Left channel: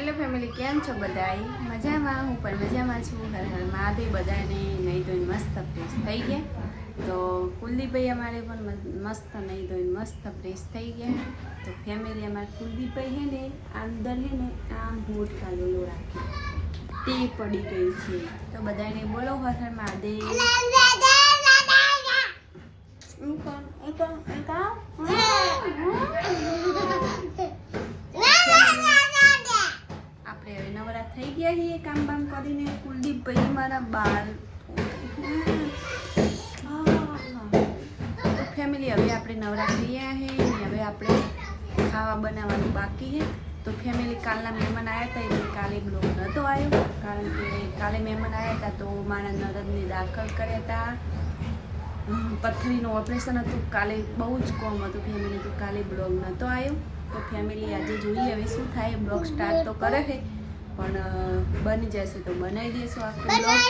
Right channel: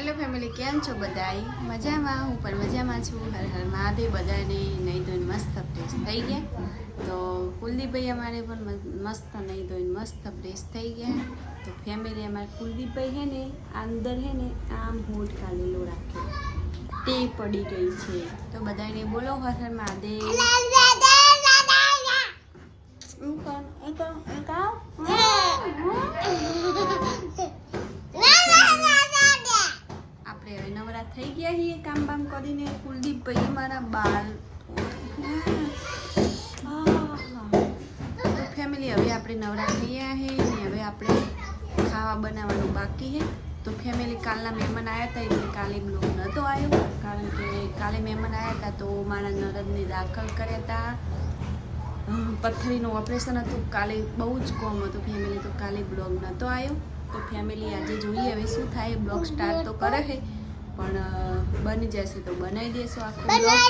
Hello family, કેમ છો બધાય? મજામાં? હું પણ મજામાં છું. હર હર મહાદેવ. બધાને નહીં ધોઈને મસ્ત ફ્રેશ થઈ ગયા. તો કુલદીપભાઈ અમારે પણ મસ્ત નહીં ધોઈને મસ્ત ફ્રેશ થઈ ગયા. તો ફેમિલી અમારે કુલદીપભાઈ છે ને અંદર છે ને આમ હોઠ કાઢેલો રાખે તે પડી ગઈ છે. તો બધાને બોલો હર હર મહાદેવ. આપણે હવે નવરા થઈ ગયા છીએ કામ બામ કરીને. કુલદીપભાઈ મારા બાલ તો ફેમિલી હવે આપણે નવરા થઈ ગયા છીએ ને હવે આપણે ખાવા બનાવવાનું બાકી છે. તો ફેમિલી કાલના મહેમાન આવ્યા હતા એટલે કાલે બ્લોગ નહોતો આવ્યો, કારણ કે કાલે મહેમાન આવ્યા હતા તો મારા નરદને દાખલ કર્યા હતા. પથરીનું ઓપરેશન હતું કાલે, બહુ જ કોમ હતું ફેમિલી, તો કાલે બ્લોગ નહોતો આવ્યો. તો ફેમિલી આજે જોઈએ હવે શું થાય. બ્લોગ સ્ટાર્ટ તો કરે છે પણ બની જશે તો બનાવી દઈશું આખું બ્લોગ.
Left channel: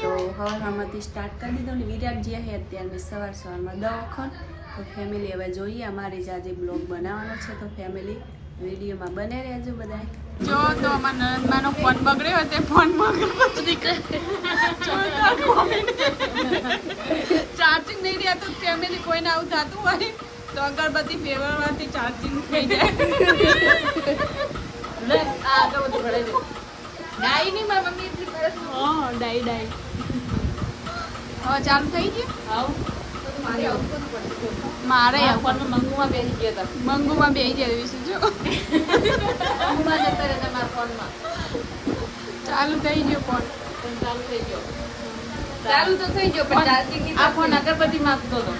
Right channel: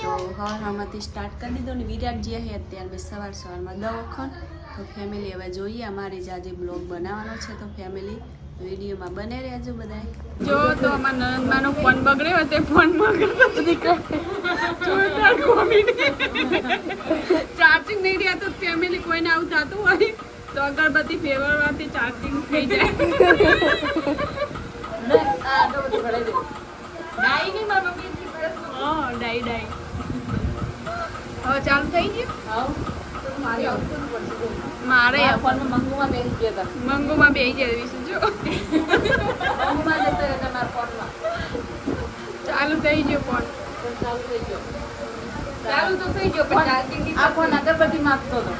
તો હવારમાંથી સ્ટાર્ટ કરી દીધો ને વિરાટ જે છે અત્યારે મેં સવારમાં દવાખાન. તો ફેમિલી હવે જોઈએ અમારે જ આજે બ્લોગ બનાવવાનો છે. તો ફેમિલી વિડીયોમાં બને રહેજો બધા. જો તો અમારા નંદમાનો ફોન બગડ્યો તે ફોનમાં ચાર્જિંગ નહીં રહ્યા. તો ફેમિલી કોઈને આવું થતું હોય તો અગરબત્તી ફેરવવાથી ચાર્જિંગ થઈ જાય. ડાઈ હવે ચાલુ થઈ ગયું. મારે મંગુમાં બેસી ગયા છે. જો ચાલુ થઈ ગયો ફોન. ચાલુ તો થઈ ગયો પણ ચાર્જિંગ આ ફોન અગરબત્તી માંગતો હતો.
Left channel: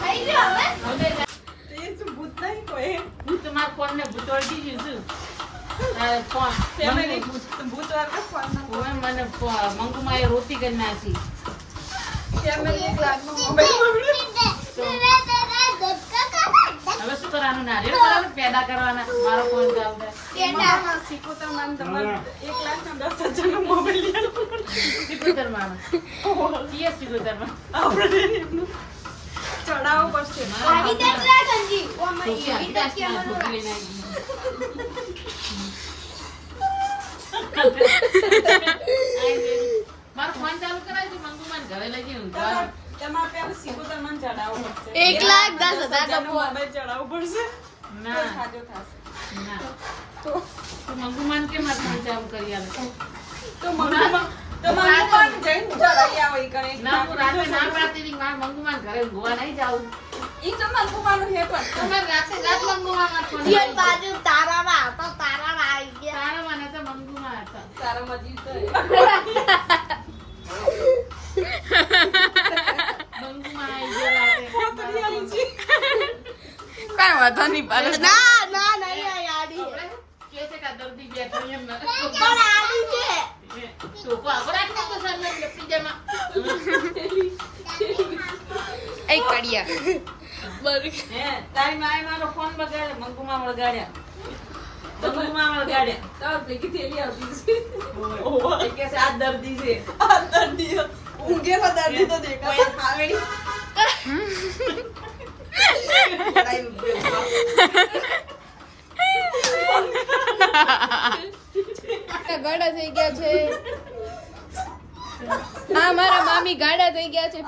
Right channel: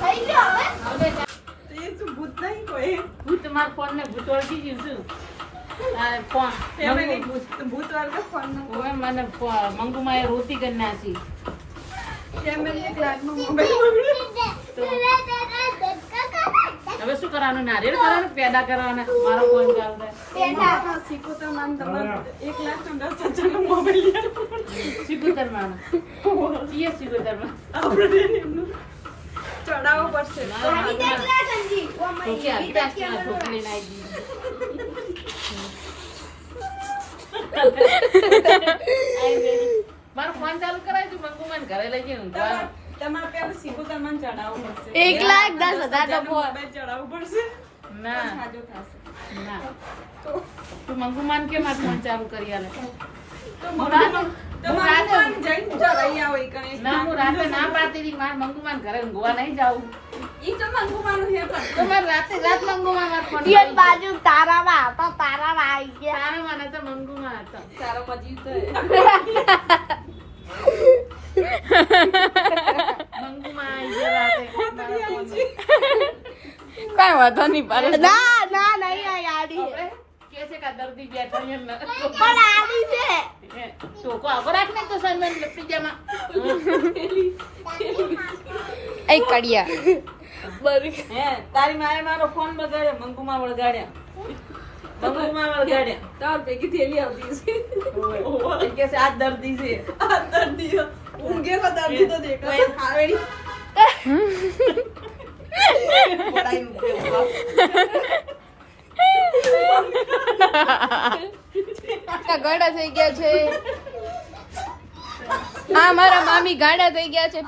થઈ ગયો હવે. તે શું ભૂત નહીં કોઈ? ભૂત માર ફોન ને ભૂત ઓળખી ગયું છું. ફોન ભૂત વર્ગ ફોન ઓય મને મંગુમાં એ રોતી કરી નાખી. હવે શું કરવાનું? નારિયેળ કરવાનું, પેદા કરવાના. મારો ફોન ચડાવવું પડશે. મારો ફોન ચાલુ કરાય તું મંગુમાન ઘરે લઈ જઈને તમારે પેલું સિકોતર મન ચડાવવું પડશે. 1,10,000 નો મોબાઈલ ચડાવવું પડશે. ના સાજો થાશે. ના તો મંગુમાન કે મારો ફોન ચાલુ કરી આલે તો મંગુમાન જઈને ચડાઈ આવો ઈ કરે. ના હું રાતે ના પાડતી હતી માર મંગુમાન ઘરે ઊંઘવા નહીં જાઉં. ઈ તો મંગુમાન હે પણ તમારે રાત મંગુમાન માર ફોન ઈ બાજુ તારામાં હતા. તારામાં આવી ગયા. તારામાં ને તો મંગુમાન હતા. તારામાં જી તો મંગુમાં આવી રાતે કાઈ વાતો નહીં પાડે. ના નહીં યારી કે છે કે દર્દી બેઠો એમ ન પણ આવી છે તો કો આગળ ને તો સંજન પિજામા એ કડિયા હે તારી માએ મારો ફોન બગાડ્યો. મંગુમાં વળગાડ્યા. ચાલ પેકી થેલી આવતી છે. ઓય કે છે આ દર્દી છે. આ દર્દી ઊંઘેમાં દર્દી તો દેખાય. હાવેડી બડાઈ રૂપિયો ગાડા થઈ ગયા છે. હા મારા મામી ગાડા થઈ ગયા છે.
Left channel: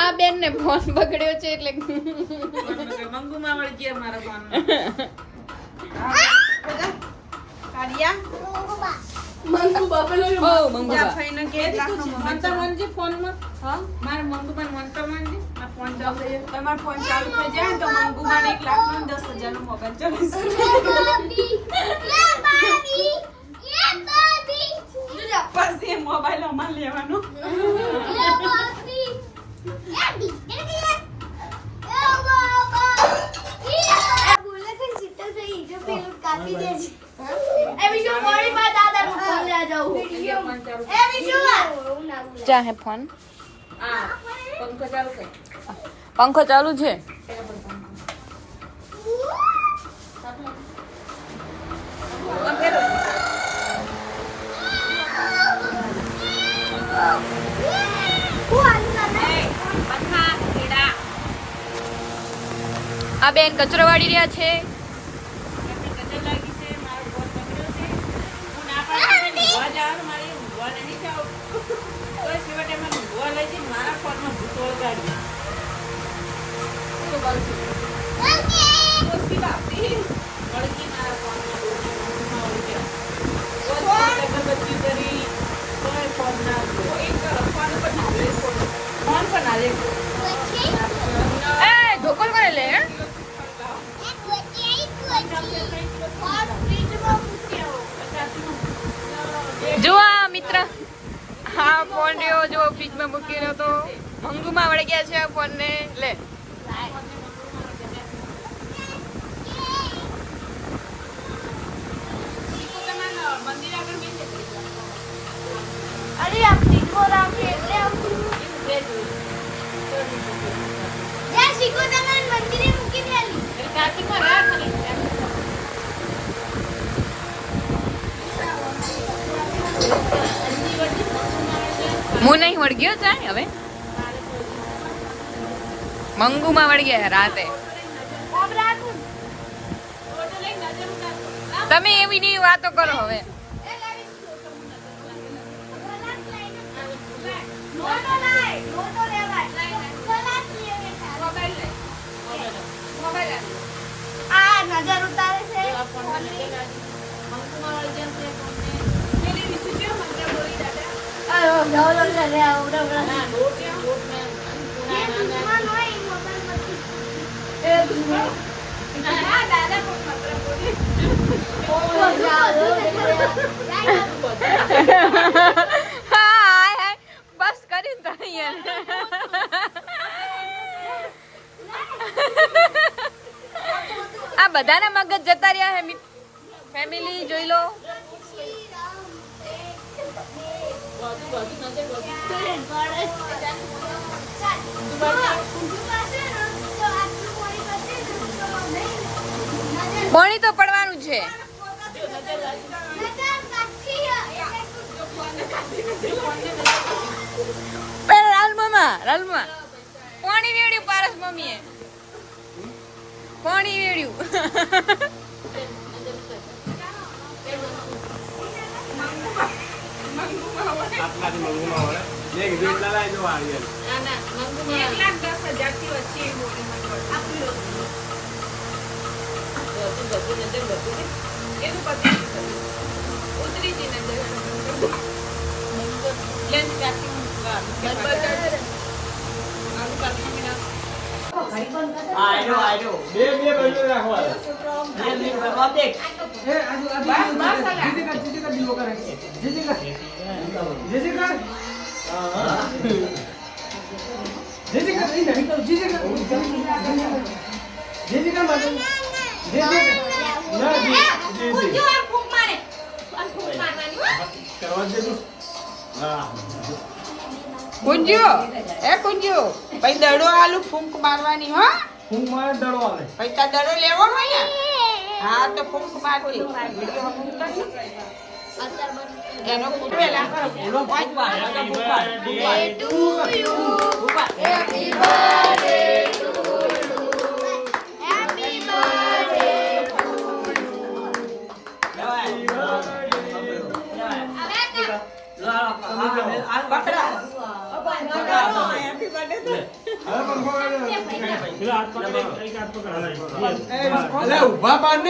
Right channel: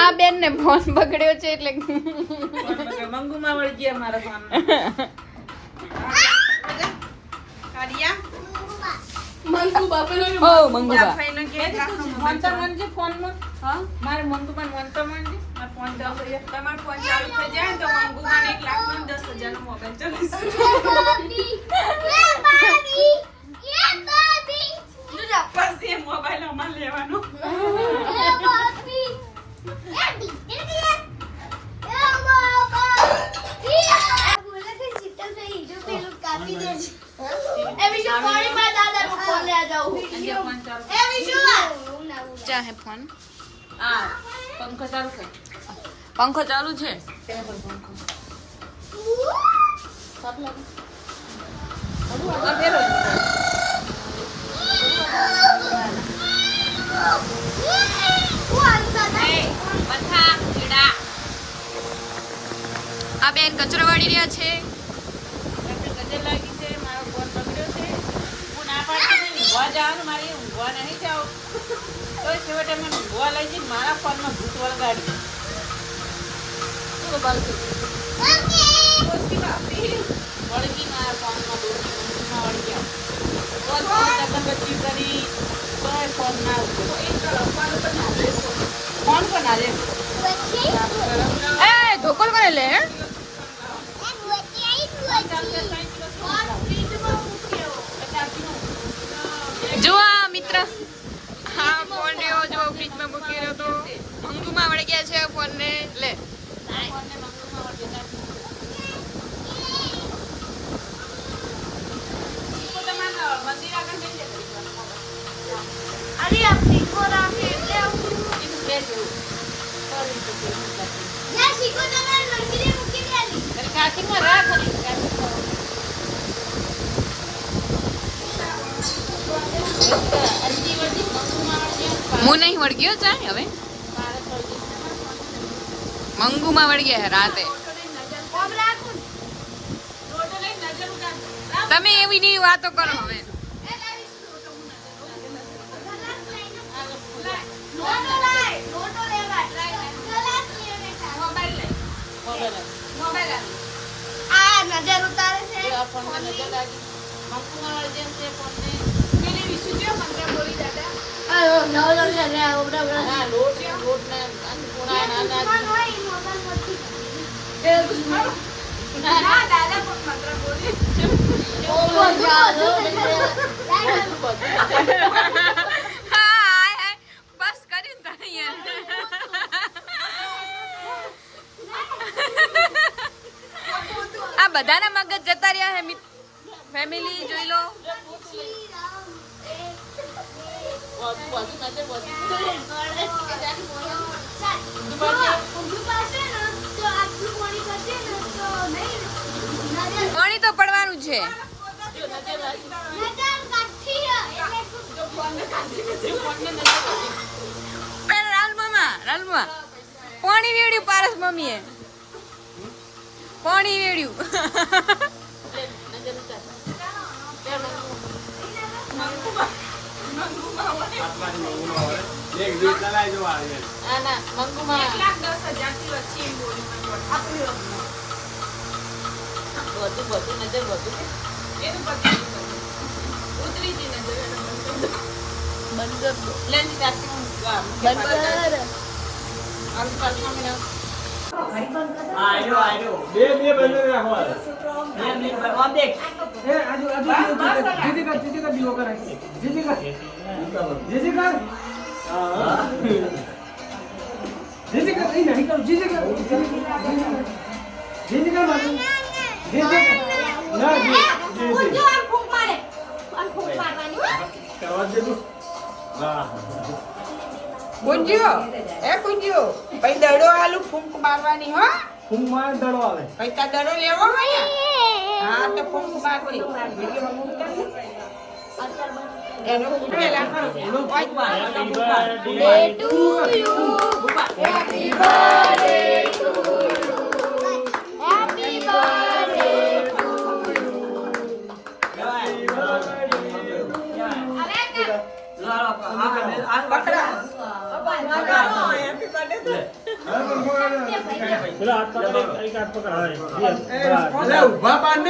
આ બેન ને ફોન બગડ્યો છે એટલે મંગુમાં વળી ગયા મારા ફોન. મંગુ બાપા ઓ મંગુ ફાઈનો કે 1 લાખ નો મોબાઈલ તો મનજી ફોન માં. હા મારે મંગુમાં ફોન તો મનજી આ ફોન ચાલુ થઈ જાય. તમારો ફોન ચાલુ થઈ જાય તો મંગુમાં 1 લાખ નો 10,000 નો મોબાઈલ ચાલીસ. પછી મોબાઈલ અમાર લેવાનો. क्या है फोन? पंखो चालू છે. આ બેન કચરો વાળી રહ્યા છે. નજર લાગી છે, મારો ફોન બગડ્યો છે. હું ના પાડતી ઊંઘવા જવાનું, મારે ઊંઘવા નહીં જાવ. તો છેવટે મને ઊંઘવા લઈ જઈને મારા ફોનમાં ભૂત વળગાડી. ઓછી બાપી વળી ગઈ મારા ફોનમાં ભૂતમાં વળી ગયા. બચી કરી તોય ફોન ના આવ્યો. એક ફોન ઉપર ના આવ્યો, ફોન પર ના આવ્યો. એ ધોકલ કરે લે હે? જો આ મિત્ર હા ફોન રહ્યો જો ફ્રીજમાં મૂકી રહ્યો તો મંગુમાં વળી ગયા છે આ ફોન ને લે. અરે આ શીખો રાખે એટલે આવું યાર શીખો તમારે મંદિરે મૂકી દેલી અરે કાર્તિકમાં રાખ અને હું નહીં વળગ્યો ચાય હવે મંગુમાં વળી ગયા રાતે. ઓમ રાખું તમે એવી ની વાતો કરો હવે. નોટો લાય નોટો લેવાય ક્લાસ લેને મોબાઈલ લે મોબાઈલ આ નજર ઉતારે છે ફોન ની મેને વિશુજી મંત્ર બોલી દાદા. અયો જાવ લો લે ઓબડા ના લોટ ને કોના ના એ ગુસ્મા ના દાદા પણ મંત્ર બોલી. ઓ જાવ હાય બસ કરીને તો યાર આ બધાના મગજ જતા રહ્યા હે ફેમિલી જોઈ લો. પાણી તો પડવાનું છે. પેલા રાલમાં પાણી વેડ્યું પારસ મમ્મીએ પાણી વેડ્યું. ઉતરી જી નજર બંધ આયો બે બંધ રાખવા બે બરબાદ દેખ એ આજુ જીજી કર દીવો કર જીજી કર હા જીજી કર નહીં કર જીજી કર મારું જીજી કર ના જીજી ફૂંક મારે ફૂંક મારવાની કરવા દેજો હા કુંજ્યો એ કુંજ્યો ભાઈ દડો આલુ ફૂંક મારવાની હો. ફૂંક મારે દડો આવે ભાઈ તા દડો લેવો હોય ને હા તો ફૂંક મારવી વિડિયો મૂક કરજો એનો ફૂટેલા એનો ફૂંક મારવા to you happy birthday to you happy birthday to ઉભા પાડ